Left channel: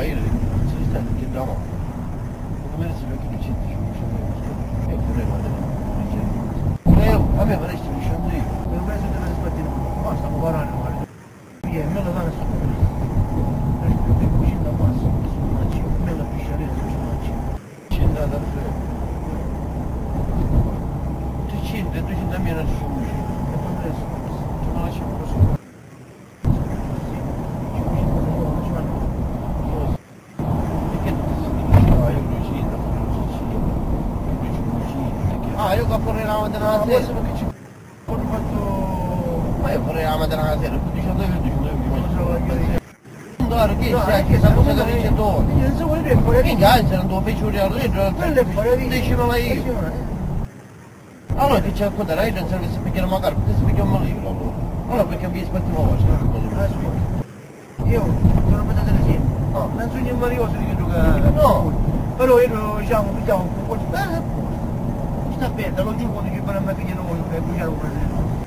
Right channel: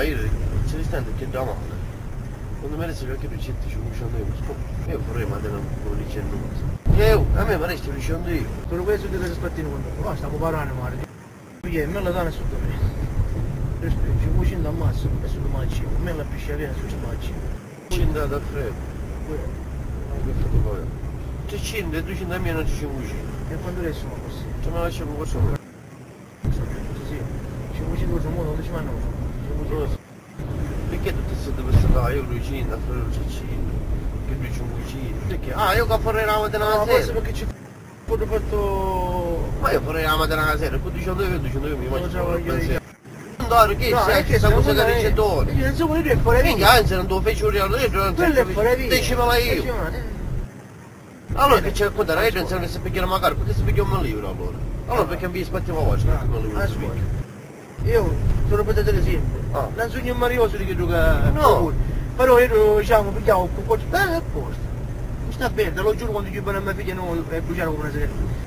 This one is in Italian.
Io se li stanno tutti da mano. Quando me ne si vede che mi senti io vorrei mandare un licenza. A me faresti dicendo io. Sono questo che ti aspettino. Ma stiamo parlando male. Io me la danno sotto questo. Questo più cucina da massa, questo non mangi. Me la pisciarina se ci mangi. Cinda da freddo. 300, 200 mila non ci sono cucina. E quando adesso non posso. Ce la lasciamo così. Perché tutti siete così? Io cucina, Francescino, io cucina. Ah, io che farei la mattina alla sera. Perché ci ho fatto... Ma io farei la mattina alla sera, poi dicendo io mi mangio la pensiero. No, Che sai che sono cose che ricettoni? Non so quello che fare. Minchia, anzi non devo fare uriare dentro, non Quello è fare via. decimala io. Allora che ci raccontare? Io pensavo che si picchiano magari, perché si picchiano un libro allora? Allora perché mi aspettiamo voi, Io sono vedete così. Non sono un marioso di che gioca. No. Però io diciamo, picchiamo un po' di... Sta bene, lo giuro quando ci fanno a mia figlia non per bruciare una sera.